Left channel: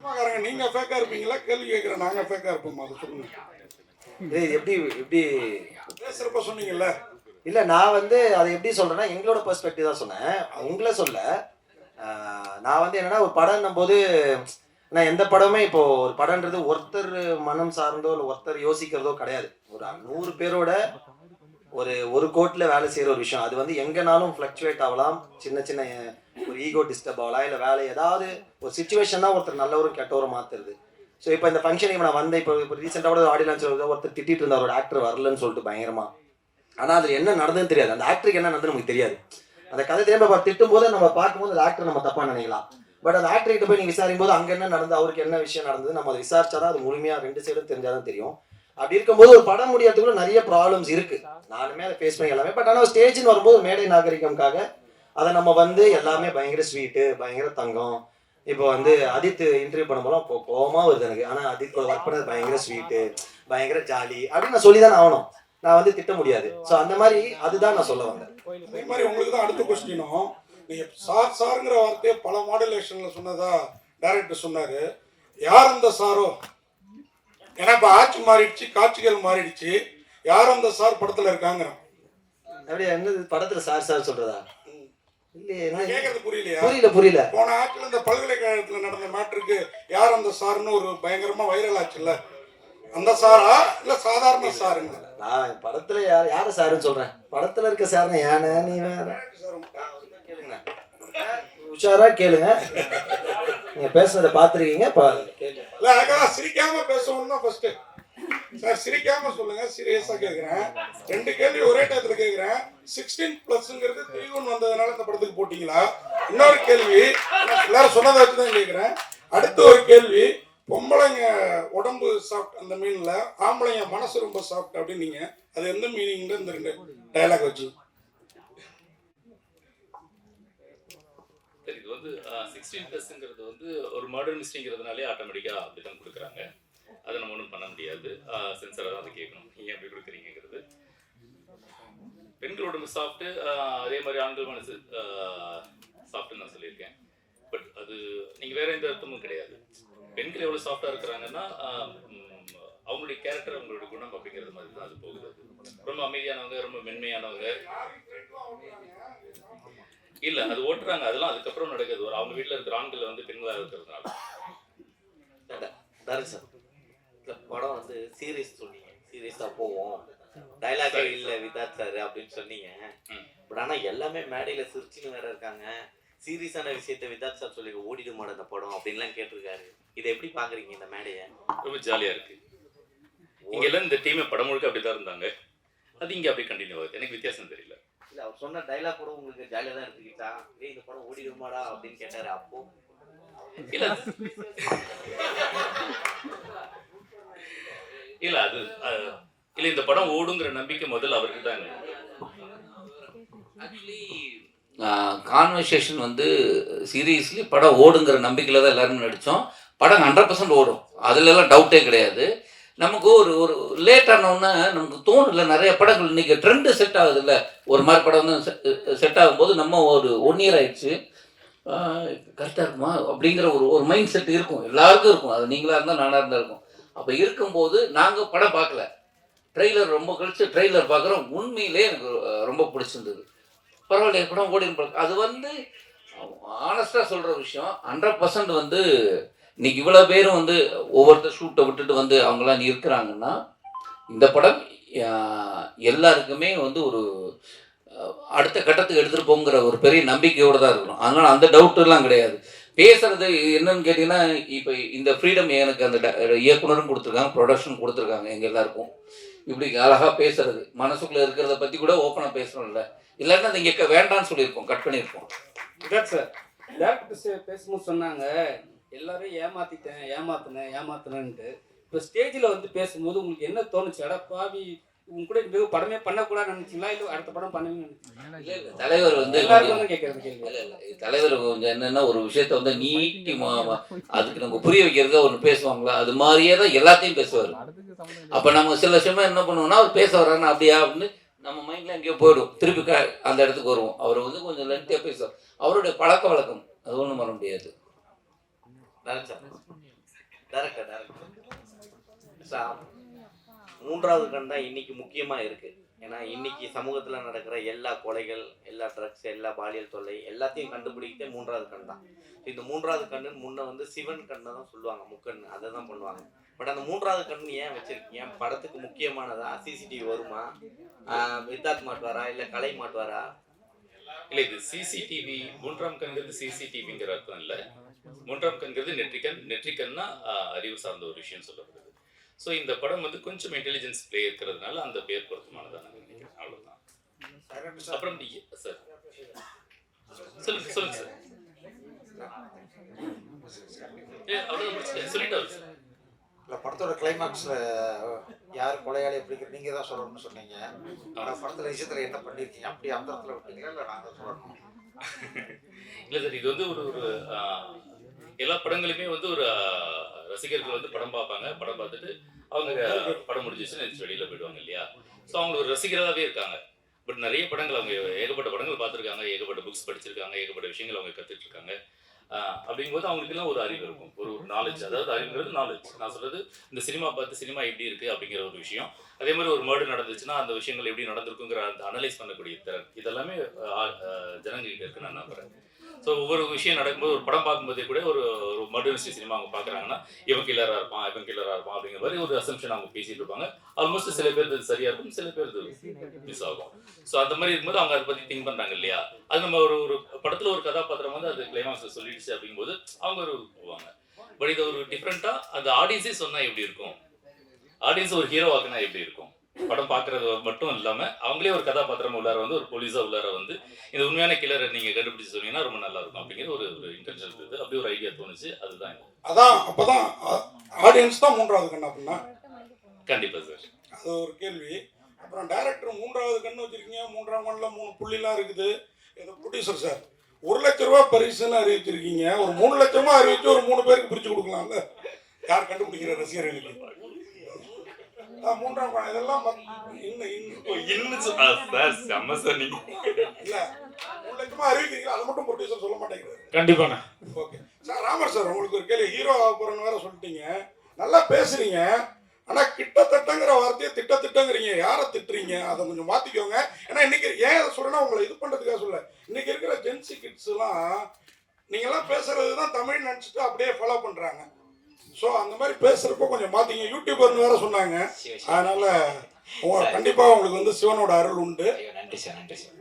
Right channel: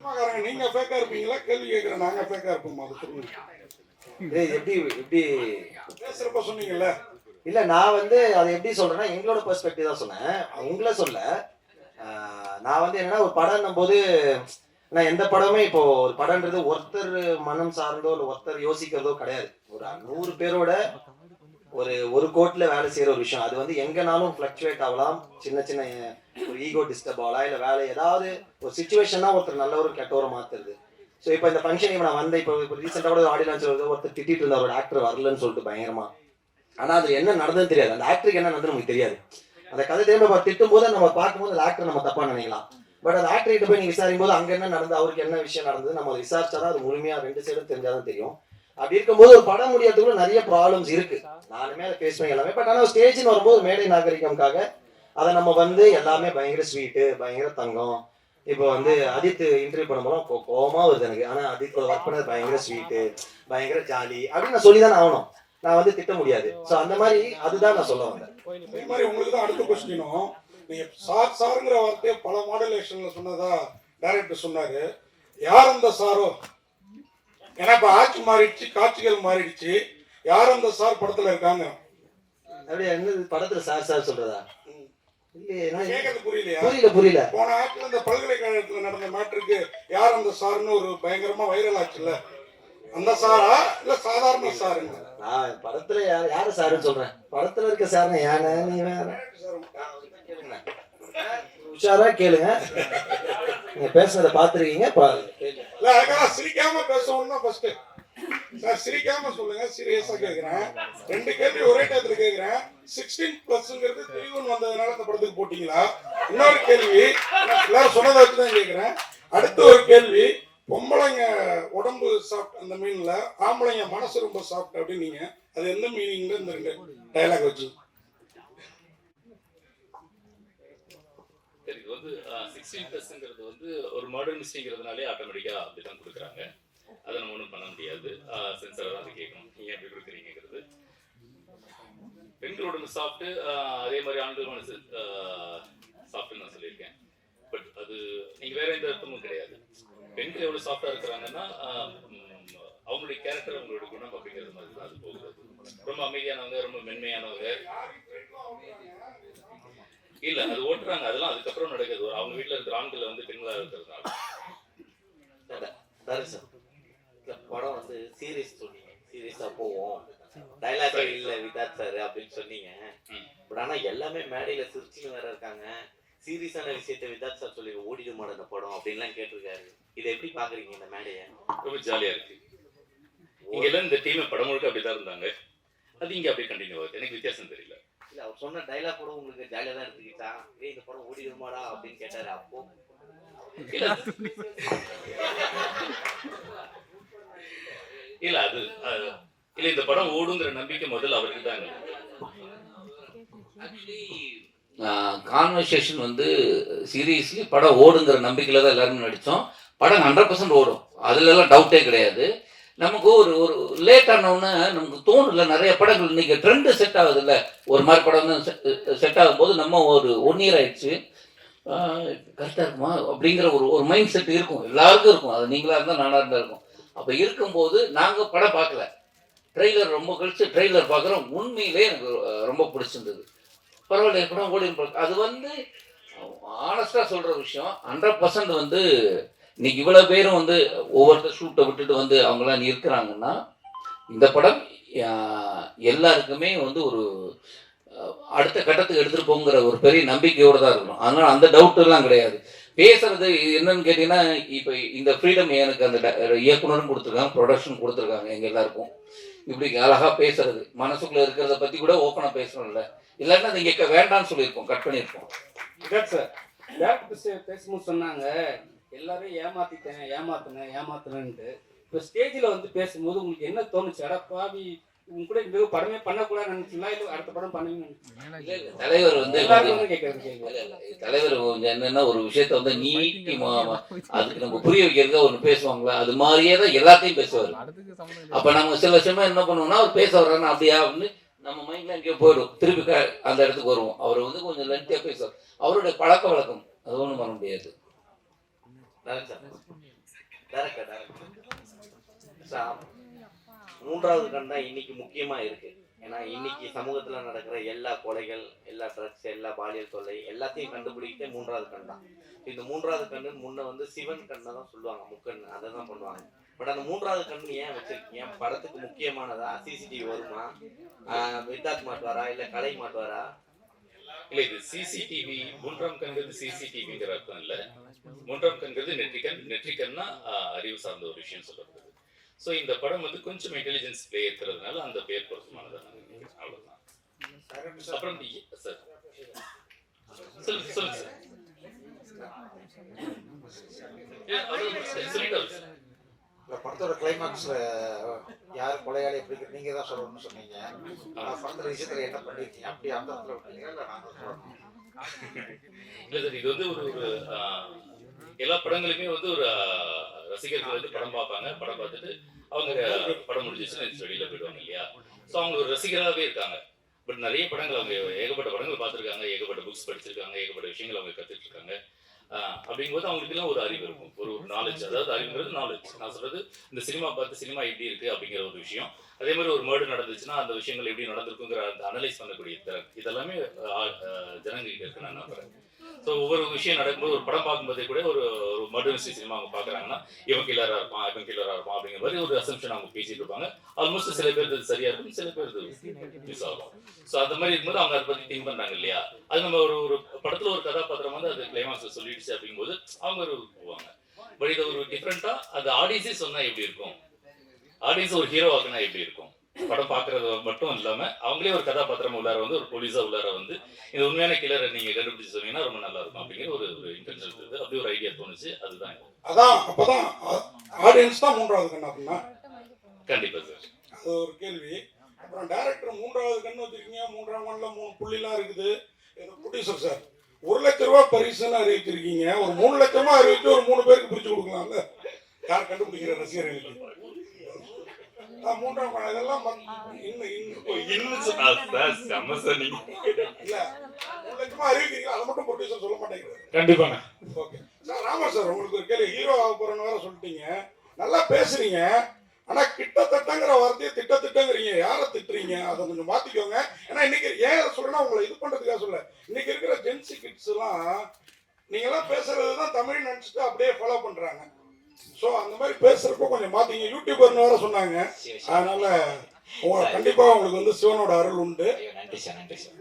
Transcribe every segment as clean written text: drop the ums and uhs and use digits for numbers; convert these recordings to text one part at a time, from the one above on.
நீங்க ஃபேக்கா இருப்பீங்களா? கேள்வி கேட்கிறேன். நாங்க ஃபேக்கா இருப்போமா? அது சொல்லுங்க. எப்படி எப்படி பேசுறப்ப சொன்னீங்கல்ல. இல்ல நான் அதை எப்படி சொல்றேன்னா எங்களோட பெர்ஸ்பெக்டிவ் தான் சொன்னேன். உங்களை சொல்ல. நான் என்னன்னா ஒரு படம்னும் போது நான் எந்த படமே இப்போ ஒரு படம்ன்றது ஒருத்தர் மனம் சார்ந்தோ இல்லை ஒருத்தர் யோசிக்கிறதோ கிடையாது. ஒரு 100 பேரோட ஒரு கோட்ல வேலை செய்யற ஒரு விஷயம். அது எங்கனாலும் ஃபிளக்சுவேட் ஆகலாம். சின்ன சின்ன ஒரு ஈகோ டிஸ்டர்ப் ஆகலாம். இல்லை வேலை ஏதாவது ஒரு சுச்சுவேஷன் தான் ஒருத்தர் நல்லவரும் கெட்டவரும் மாத்துறது. ஸோ இப்போ இந்த ஃபங்க்ஷனுக்கு நான் வந்தேன். இப்போ ரீசெண்டாக கூட ஆடியோ லான்ச் ஒருத்தர் திட்டிட்டு இருந்தார், ஒரு ஆக்டர் வரலன்னு சொல்லிட்டு பயங்கரமா. ஆனால் அது என்ன நடந்ததுன்னு தெரியாது. அந்த ஆக்டருக்கு என்ன நடந்தது நமக்கு தெரியாது. அந்த கதை திரும்ப திட்டும் போது நம்ம பார்க்கும்போது அந்த ஆக்டர் நம்ம தப்பா நினைக்கலாம். பட் அந்த ஆக்டர்கிட்ட போய் நீங்க விசாரிக்கும் போது அங்க என்ன நடந்தது, அவருக்கு என்ன விஷயம் நடந்தது, நம்ம அதை விசாரிச்சாதான் அது முழுமையா 2 சைடும் தெரிஞ்சாதான் தெரியும். அப்படி இருக்கும்போது ஒரு படம் முடியறதுக்குள்ள நிறைய ப்ராப்ளம்ஸ் இருக்கு. நானுமே அதை ஃபேஸ் பண்ணி எல்லாமே. பட் ஆனால் ஸ்டேஜ்னு வரும்போது மேடை நாகரிகம்காக அதை நம்ம எல்லாமே பயங்கர ஸ்வீட்டு, பயங்கர தங்கம். இப்போ அதித் இன்டர்வியூ பண்ணும்போது கோவமா வருது எனக்கு. ஆனா அதித் ஒர்க் பண்ணது பயங்கர ஸ்வீட்டு, பயங்கர ஜாலி அப்படின்னு நான் சொல்லிதான் ஆகணும். நான் திட்ட முடியாது. ஸோ அந்த மாதிரி அதுதான் நான் சொல்ல வந்தேன். இந்த மாதிரி உங்களுக்கு தான் அடுத்த கொஸ்டினும். நீங்க சாருங்கிற வார்த்தையை பல மாடுலேஷன்ல சொன்னதா டைரக்டர் சொன்னாரு. யார் அந்த சாரோ? ஏன்னா இப்ப ஆட்சி மாறிடுச்சு, காட்சிகள் மாறிடுச்சு. யார் அந்த சார் படத்துல இருக்காங்க? அப்படியே என்ன படத்துல சார் சொல்றதா? புரியல. போன ஆட்சியில் இந்த பல்கலைக்கழகத்துல நடந்த மேட்டருக்கு யார் அந்த சார்னு ஒரு பயங்கரமா வைரல் ஆச்சுல்ல, அந்த சாரா இல்ல சாதாரண சாருங்க? நான் படத்துல யார சாருன்னு சொல்றேன். படத்துல இருக்க சாருன்னு யானை நீ வேற உஷாரா கேளுங்க. நீங்க பேசுறத பாத்துருக்கீங்க, பாருங்க. சிரிக்காம பேசணும் தான் ஃபர்ஸ்ட். சார் சிரிக்காம சொல்லுங்க. சீரியஸா கேக்குறேன். 2 கேள்வி ஒரே டயத்துல கேக்குறேன். 16+ங்கிறது 3-1 வந்ததுனால இந்த படத்துக்கு போட்டீங்களா? இன்னொரு கேள்வி எல்லாரும் சொன்னதை வச்சுதான் கேக்குறேன். அடுத்த ஒரு கேள்வி, பொம்பளைங்க உடம்பு சாஃப்ட் அந்த மீன்ல, ஆம்பளைங்க மனசு ரொம்ப சாஃப்ட் அப்படின்னீங்க. அது எந்த மீனிங்ல இந்த 2 டயலாக் வச்சு? இது 16+ங்கிறது ஒரு மர்டர் மிஸ்டேக்ங்கிறதுனாலே ஆட்டோமேட்டிக்கா அப்படிதான் கொடுக்குறாங்க. அதை நம்ம ஒன்றும் பண்ண முடியாது. சென்சராக தான் கேட்கணும், நீங்க எப்படி கொடுக்குறீங்கிறது. பெண்களோட சாஃப்ட், அதே மாதிரி ஆண்கள் மனசு சாஃப்ட்னு நான் சொல்லியிருக்கேன். பட் அது நீங்க வேற எந்த அர்த்தமும் கிடையாது. பெண்கள் எவ்வளவு சாஃப்டா இருக்கிறாங்கன்னா அவங்களுடைய கேரக்டர், அவங்களுடைய குணம் அப்படிங்கிறது மாதிரி தான் அது போகுது. ரொம்ப அமைதியானவங்க, ரொம்ப மென்மையானவங்க இல்ல, அது ஓட்டுறாங்க. அதெல்லாம் அதுக்கப்புறம் நடக்குது. அவங்க வீட்டுல இருக்கிற ஆண்கள் பெண்களா இருக்கிறதுனால. படம் சீரியஸ் சொன்னீங்க, சீரியஸா போவோம், டைலாகே இல்ல விதாத் சார் அப்படின்னு சொன்னீங்க. பட் ஆனா எல்லாமே மேடையில சிரிச்சுன்னு வேற இருக்காங்க. சீரியஸான விஷயத்த விதாத் சார் சொல்லி ஓடிடு மாட இந்த படம் அப்படின்லாம் கேட்டிருக்காரு. இதை எப்படி பாக்குறீங்க இந்த மேடையை? ரொம்ப ஜாலியா இருக்கு. இங்க எல்லாம் இந்த டீமே படம் முழுக்க அப்படிதான் இருந்தாங்க. அது இங்க அப்படியே கண்டினியூ ஆகுது. எனக்கு வித்தியாசம் தெரியல. இல்ல அவர் சொன்ன டைலாக் கூட உங்களுக்கு ஜாலியா தான் இருந்துக்கிட்டா? இந்த படம் ஓடிடுமாடா அப்படின்னு கேட்டாரு. அப்போ இல்ல இல்ல அது இல்ல, இந்த படம் ஓடுங்கிற நம்பிக்கை முதல்ல அவருக்கு தான். ஆக்சுவலி கான்வர்சேஷன் சீரியஸ்லி படம் ஓடுங்கிற நம்பிக்கையில் தான் எல்லாருமே நடித்தோம். படம் 100% ஓடும், அதுலலாம் டவுட்டே கிடையாது. நமக்கு ஒரு ஒரு லேட் ஆனோன்னா நமக்கு தோணுல. நிறைய படங்கள் இன்னைக்கு ட்ரெண்டு செட் ஆகுது இல்லை, ஒரு மாதிரி படம் செட் ஆகும்போது நம்ம ஒரு 1 இயர் ஆயிடுச்சு கரெக்டாக இருக்குமா அப்படிங்கிற ஒரு மைண்ட் செட் இருக்கும், எல்லாருக்கும் இருக்கும். அது நீங்களாக இருந்தால் நானாக இருந்தால் இருக்கும். அப்போ இருக்கும்போது நாங்கள் படம் பார்க்கல, ட்ரெய்லர் ரொம்ப கழிச்சு ட்ரெய்லர் பார்க்குறோம். உண்மையிலே எனக்கு ரொம்ப பிடிச்சிருந்தது. பரவாயில்ல படம் ஓடி. அது ஆனஸ்டாக சொல்கிற விஷயம். 100% இன்னைக்கு இவ்வளோ பேரும் ஒவ்வொருத்தர் ஷூட்டை விட்டுட்டு அவங்களாம் இருக்கிறாங்கன்னா இந்த படம் எல்லாருக்குமே ஒரு அடுத்த கட்டத்துக்கு எடுத்துகிட்டு போங்கிற ஒரு பெரிய நம்பிக்கையோடு தான் இருக்கணும். அதனால் அந்த டவுட்டெல்லாம் கிடையாது. பேசுறது என்னன்னு கேட்டிங்கன்னா, இப்போ இந்த ஃப்ரீடம் எனக்கு அந்த இயக்குனரும் கொடுத்துருக்காங்க, ப்ரொடக்ஷன் கொடுத்துருக்காங்க. எங்கள் எல்லாருக்கும் இப்படி அழகாக பேசுறது, மனசுக்குள்ளே இருக்கிறத பற்றி கூட ஓப்பனாக பேசணும்ல. இல்லைன்னா அது இங்கே வேண்டான்னு சொல்லியிருப்போம், கட் பண்ணியிருப்போம். சார் டேரக்டர் பேசும்போது சொன்னாங்க எல்லாரும் ஏமாத்தினேன்ட்டு. இப்போ ஸ்டேஜில் பேசும்போது உங்களுக்கு என்ன தோணுச்சு? அடப்பாவி உங்க கூட இந்த படமே பண்ணக்கூடாதுன்னு நினைச்சீங்களா, இல்லை அடுத்த படம் பண்ணுவீங்க? தலைவர் தலைவர் என்னன்னா ஒரு விஷயத்த நீட்டி அதுக்கு நம்ம புரிய வைக்கிறதுக்கு ஒன்று பேசுவாங்களா, அது மாதிரியே தான் எல்லாத்தையும் பேசுவார். அப்போ நம்ம சில சமயம் என்ன பண்ணுவோம்னா, அவர் பேச வர்றாருன்னா அப்படியா அப்படின்னு நம்ம மைண்ட்ல எங்கேயோ போயிடும், திருப்பி அந்த இடத்துக்கு வருவோம். அவர் கொஞ்சம் லென்த்தியாக பேசுவார். அவருடைய பழக்க வழக்கம், அது ஒன்றும் பண்ண முடியாது. டேரக்டர் மூன்றாவது கண் தான் இன்னைக்கு முக்கியமா இருக்கு. ஏன்னா இன்னைக்கு சமூகத்துல நடக்கிற எல்லா கொலைகள், எல்லா ட்ரக்ஸ், எல்லா பாலியல் தொல்லை எல்லாத்தையும் கண்டுபிடிக்கிட்டே மூன்றாவது கண் தான். இந்த மூன்றாவது கண்ணு முன்ன வந்து சிவன் கண்ணை தான் சொல்லுவாங்க, முக்கண் அதை தான் பண்ணுவாங்க. பட் அந்த மூன்றாவது கண்ணு ஏன் வச்சிருக்கீங்க? படத்துக்கு முக்கியமானதா? சிசிடிவி வருமா? வித்தாத் மாட்டுவாரா இல்ல கலை மாட்டுவாரா? இல்ல இது சிசிடிவி மூன்றாம் கண்கிறது சிசிடிவிங்கிற அர்த்தம் இல்ல. மூன்றாம் கண்கிறது நெற்றிக்கன்னா அறிவு சார்ந்த ஒரு விஷயம் சொல்லப்படுது. ஸோ இந்த படம் வந்து கொஞ்சம் இன்டெலிஜென்ஸ் பிளே இருக்கிறதுனால அந்த பேர் பொருத்தமானதான் நினைக்கிறேன். அவ்வளவுதான். அப்புறம் சார் சொல்லுங்க சொல்லுங்க சார். சொல்லிட்டு இல்லை, படத்தோட கிளைமாக்ஸ்ல யார் கொலையாளி எப்படி நீங்க தான் சொல்லணும்னு சொன்னீங்க. படத்துல விஷயத்துல என்ன பண்ணிருக்கீங்க? அப்படி அந்த இடத்துல விட்டீங்களா இல்லை நாங்கள் சொல்லணும்? இல்லை சார், இது வந்து ஒரு எல்லா படங்களுமே வந்து ஒரு ரசிகர்கள் வந்து படம் பார்ப்பாங்க. படம் பார்த்துட்டு அவங்க படம் முடிஞ்சிச்சுன்னு வெளியில போயிடுவாங்க இல்லையா? ஸோ அவங்க ஒரு ரசிகராகவே இருக்காங்க. பட் நிறைய படங்கள் அவங்க ஏகப்பட்ட படங்கள் பார்த்துருக்காங்க, ஏகப்பட்ட புக்ஸ் படிச்சிருக்காங்க, ஏகப்பட்ட விஷயங்கள் அவங்க கற்றுட்டு இருக்காங்க. அப்படிங்கும்போது அவங்களுக்குலாம் ஒரு அறிவு இருக்கும், ஒரு நாலேஜ். அதாவது அறிவுங்கிறது நாலேஜ். நான் சொல்றது இந்த சினிமா பார்த்து சினிமா எப்படி இருக்கு அப்படிங்கிற ஒரு விஷயம். அதே மாதிரி ஒரு மர்டர் நடந்துச்சுன்னா அந்த விஷயங்கள் எப்படி நடந்திருக்குங்கிற அந்த அனலைஸ் பண்ணக்கூடிய திறன் இதெல்லாமே ஜனங்கள்கிட்ட இருக்கு நான் நம்புறேன். ஸோ ஒவ்வொரு விஷயம் நடக்கும்போது ஒரு படம் பார்க்கும்போதே கூட ஒரு மர்டர் மிஸ்ட்ரி சினிமா அவங்க பார்க்குறாங்கன்னா இவன் கில்லராக இருப்பான் அப்படிங்கிற மாதிரி ஒரு அசம்ஷன் அவங்க பேசிட்டு இருப்பாங்க. ஆல்மோஸ்ட் சில பேர் இது சரியா இருக்கும், சில பேர் இது மிஸ் ஆகும். ஸோ அந்த மாதிரி இருக்கும்போது அவங்க அதை பற்றி திங்க் பண்ணுறாங்க இல்லையா? அது நம்ம ஒரு படத்தில் ஒரு கதாபாத்திரம் வந்து அது கிளைமாக்ஸ் சொல்லிடுச்சு அப்படிங்கும்போது அவங்க ஒரு போவாங்க. பட் இதை ஒரு டிஃப்ரெண்ட்டாக அந்த ஆடியன்ஸே சொன்னால் எப்படி இருக்கும், ஆடியன்ஸ் ஒரு ஹீரோ ஆக்குனா எப்படி இருக்கும், படம் பார்க்கறது மட்டும் இல்லாம அவங்களே ஒரு கதாபாத்திரம் உள்ளார வந்து ஒரு போலீஸா உள்ளார வந்து இந்த உண்மையான கில்லரை நீங்க கண்டுபிடிச்சு சொன்னீங்கன்னா ரொம்ப நல்லா இருக்கும் அப்படிங்கிற ஒரு இன்டென்ஷன் இருந்தது. அப்படி ஒரு ஐடியா தோணுச்சு. அதுதான் அதான் அப்பதான் ஆடியன்ஸ் தான் மூன்றாவது கண் அப்படின்னா கண்டிப்பா சார். அது ஒரு கேள்வி. அப்புறம் டைரக்டர் மூன்றாவது கண்ணு வச்சிருக்கீங்க, மூன்றாம் கண்ணில் 3 புள்ளிலாம் இருக்குது. ப்ரொடியூசர் சார் 1 லட்ச ரூபா பரிசுன்னு அறிவிச்சிருக்கீங்க. ஒரு 3 லட்ச ரூபா அறிவிச்சு ஒரு 3 பேருக்கு பிரிச்சு கொடுக்கலாம்ல, யார் கண்டுபிடிக்கிற ரசிகர்களுக்கு. மூன்றாம் கண் இதெல்லாம் அறிவிக்கிறீங்க, அதை மட்டும் ப்ரொடியூசர் சொல்ல மாட்டேங்கிறாரு. கண்டிப்பாண்ணா. Okay sir. ராமர் சார், உங்களுக்கு ஒரு கேள்வி. ஹீரோ ஆக போறேன்னு வேற சொல்லிட்டீங்க, நல்லா பேசுறீங்க. ஆனா கிட்டத்தட்டங்கிற வார்த்தையை திட்டங்கிறீங்க. யாரை திட்டுறீங்க? அதை கொஞ்சம் மாத்திக்கோங்க. ஏன்னா இன்னைக்கு ஏன் அதை சொல்றேன்னா உங்களை இது பண்றதுக்காக சொல்ல. இன்னைக்கு இருக்கிற ஜென்சி கிட்ஸ் எல்லாம் நீங்க எல்லாம் பேசுறதுதான் தமிழ் நினைச்சிட்டு அப்படியே ஃபாலோ பண்றாங்க. ஸோ அந்த மாதிரி பேசுறப்போ கொஞ்சம் மாத்திங்க. யூடியூபர்னு வேற சொன்னாங்க. அதனால கண்டிப்பா உங்களுக்கு வந்து சிவனோட அருள் உண்டு. நன்றி சார், நன்றி சார்.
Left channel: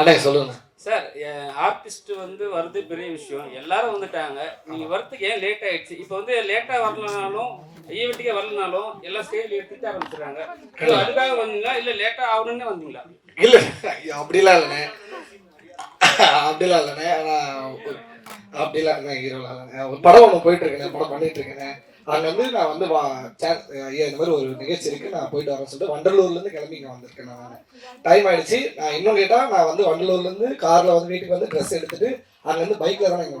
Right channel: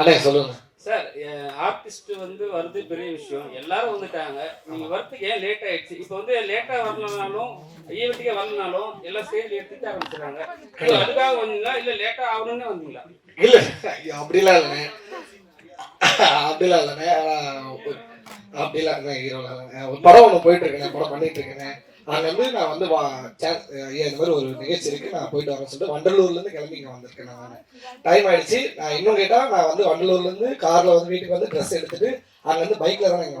அண்ணே சொல்லுங்க சார். ஆர்டிஸ்ட் வந்து வருது பெரிய விஷயம், எல்லாரும் வந்துட்டாங்க. நீங்க வரத்துக்கு ஏன் லேட் ஆயிடுச்சு? இப்போ வந்து லேட்டா வரலனாலும் ஈவெண்ட்டுக்கே வரலனாலும் எல்லாம் ஸ்டேஜ்ல எடுத்துட்டு ஆரம்பிச்சுறாங்க. அதுக்காக வந்தீங்களா இல்ல லேட்டா ஆகணும்னு வந்தீங்களா? இல்ல அப்படிலாம் இல்லைண்ணே, அப்படிலாம் இல்லைண்ணே. அப்படிலாம் இல்லை, ஹீரோலாம் இல்லைண்ணே. ஒரு படம் ஒன்று போயிட்டு இருக்கேன், படம் பண்ணிட்டு இருக்கேன். அங்கே வந்து நான் வந்து ஐயா இந்த மாதிரி ஒரு நிகழ்ச்சி இருக்கு, நான் போயிட்டு வரேன்னு சொல்லிட்டு வண்டலூர்லேருந்து கிளம்பி இங்கே வந்திருக்கேன். நான் டைம் ஆயிடுச்சு. நான் இன்னும் கேட்டால் நான் வந்து வண்டலூர்லேருந்து காரில் வந்து வீட்டுக்கு வந்து ட்ரெஸ் எடுத்துட்டு அங்கேருந்து பைக்கில் தான் இங்கே